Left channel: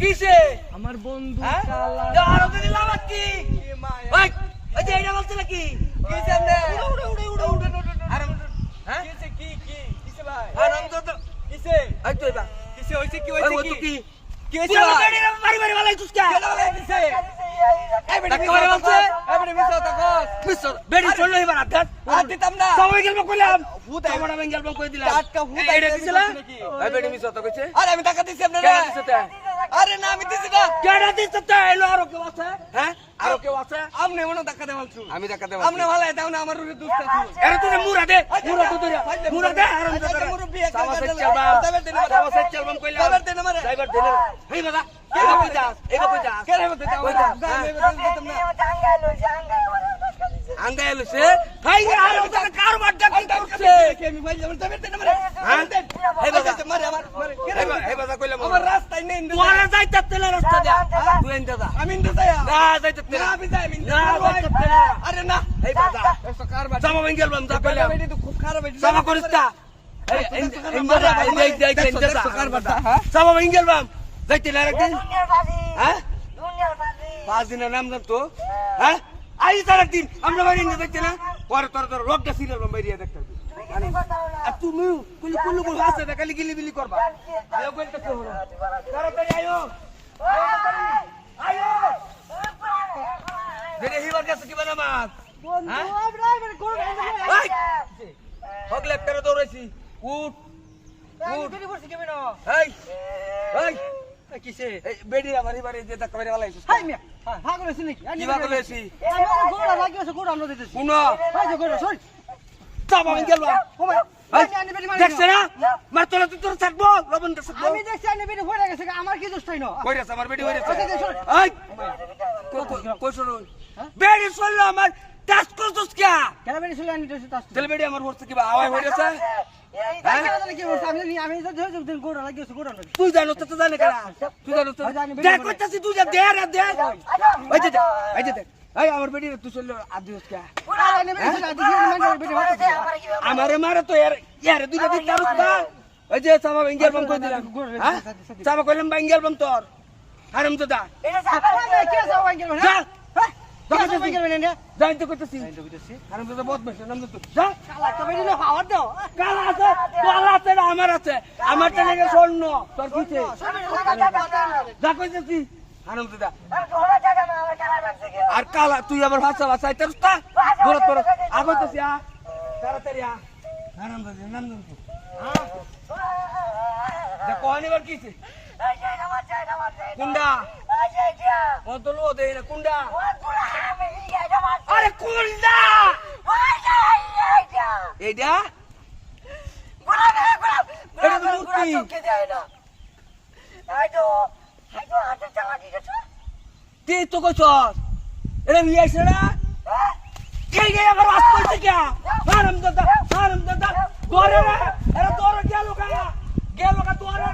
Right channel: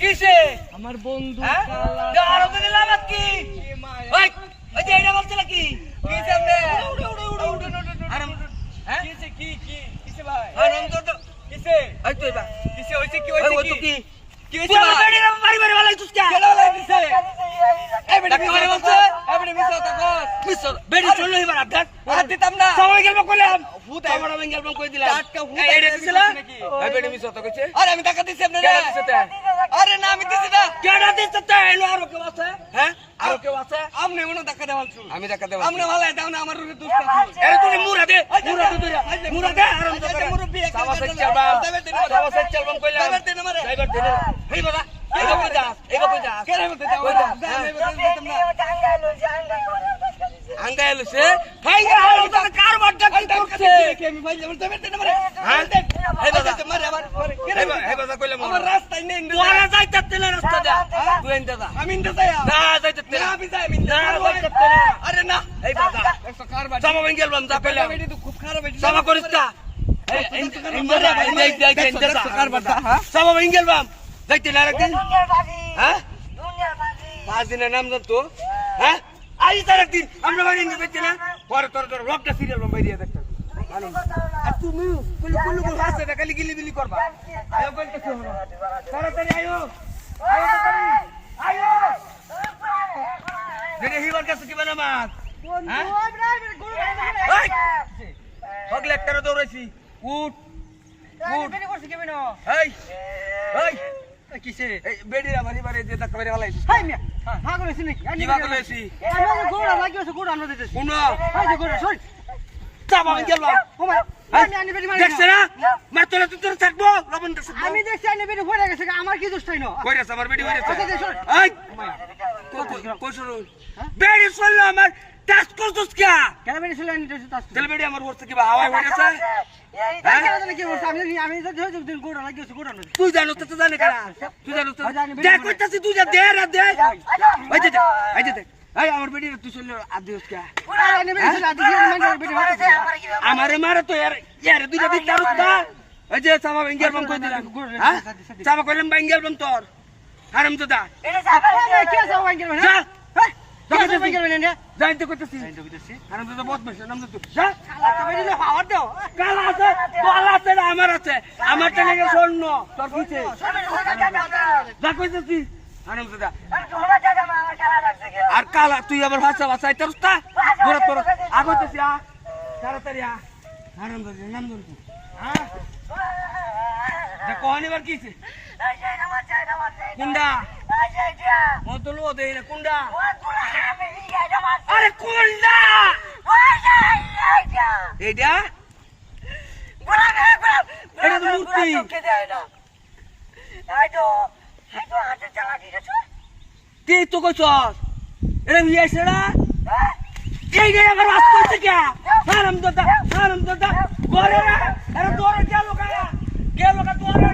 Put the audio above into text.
কিসে? আমার বন্ধু হ্যাঁ? আরও দিন লাগাত কি? ওই ওই যে এটা বলছিল কি? কি সামনে উড়ে উড়ে উড়ে উড়ে আরাম হ্যাঁ? কিসে কি কি কিসে ভাই? আরাম তো তো কিসে? এই তো এবার। কিসে হইছে কি হইছে কি? কি? কি তুই হইছে আমার ভাই মারি মারি ভালাই তুই কে? কেন লাগছে এই বেটা ডাক্তার মিছা বলছে? বলছে? এই বেটা মিছা কথা কস মিস্টার বেড়ি চলল এবার আদাত আর দিতাম না। সবাই গেল কইলাম ভূত আমার আমি গেল কই দিলাম। টাটকা ভূত এই এটা আইছে দিছিল? নাকি? এই বেড়ি মিস হতো কইছে। আরে আমি টাকা দিছি আপনারে আরে না আমি দিছি না কেডা দিছে তে এলো আরও কেউ আছে হ্যাঁ আরও কেউ আছে আমনে মনে টাকা দেওয়াল ছু আমি দেখা দেব আমনে ভালো দাও না আমার রুকে দুষ্ট আছে আরে তুই মুরা দে মুরা দে তুই মুরা দে আরাম দে আচ্ছা, মুরব্বি একটা সাবাস গাছ চলবা চলবাম কইলাম ড্রাইভার দে না মারে। ড্রাইভার দে না হেই বাবা এগো কই যাস এগো কই যাস কেন মতে দাও কই না যাস খুব খারাপ বাড়িটা, হ্যাঁ? বাম যাইতে না একদিন হ্যাঁ? পাঁচ দিনের নাম জান তো হ্যাঁ? আই তার একদিন আমরা বাড়ি যাইতে না? পরে তোর তোর রোগটা সিরিয়াল বাম বাইরে দেখতে আর তুমি কুলু কুলু কুলু হাসে না খালি গিলি বিলি করবা। আয়ো কি হলো? তাড়াতাড়ি আয়ো। আয়ো আয়ো। দেখে হিবার কাছে কি বানা মাছ হ্যাঁ? ওই হগলে একটা দৌড়াইছি। উঠ উঠ। এই এই। কিসে? এই বেডি আমার এবারে যে ধাক্কা মেরে ফেলাইছিস হাই মিয়া ভাগ করেছি নাকি? কি বা করেছি আমার গোড়া লাগিয়েছে গোড়া আনতে দিতেছি শুনো। হাই যে গোড়া সর চাপ আমি গেলাম ওমা আমি আনি বেরি মারি দেখছে না? মার তোলা তুই তোর থাকব লবণ দেখছে আমি দেখছি আনি বেরি পড়ে গেছে আমার কি দোষ তাই না? কইরাছে আমার বেডি হইরাছে আচ্ছা, দে, শোন। এই কই শুনো। বেডি চলল আমার টাচ করছিস কে? কেন দোষ তাস তেল বেডি আমার কি তাই জানি আমি আমি তো দেখছি দিন গোড়া লাগিয়েছে গোড়া আনতে তুই জানো তো জানে কেনা তুই জানো তো। আমি জানি, বেডি দেখ বলে। তুই যা দে রে দে। এই যে এই যে দে। এই আমার তুই চলল আদিস কে? মারে তো ইয়ার ইয়ারে দুইটা দিন না এই যে সামা বেঙ্গেল বাম কই দিলাম? হ্যাঁ? সামা কইলাম বেঙ্গেল বাম তোর। হারাম তো দা। মানে যা কে সব ভাঙ্গেল নে জানতে কইতেছি। হারাম তো বহুত নাম তো তুই যা। তো বেরি না পাওয়ার দাও। কাল আছে তোর আছে না আমার আছে। আমার টেনে গেছে স্বর্ণ তোর কিছে যা কইতেছি। হারাম তো দা। আর কালা তুই আবার ভাষা ভাষা এটা রুস্তা তোর আগতেছি আ তাড়াতাড়ি আ। হারাম তো নাম দন হ্যাঁ যা কোহানি বার কিছে কুন্ডা? ও তো লো দেই না কুন্ডা? আরে কুন্ডা! এইটা? এটা তো মূর্তি। তুই তো কইছস এটা বিয়ে সেরা এই যে আবার বাস করছে কে হারাম দাদা হারাম দাদা গরে রে এরা তোর গেল কা ¿Qué es lo que tú haces?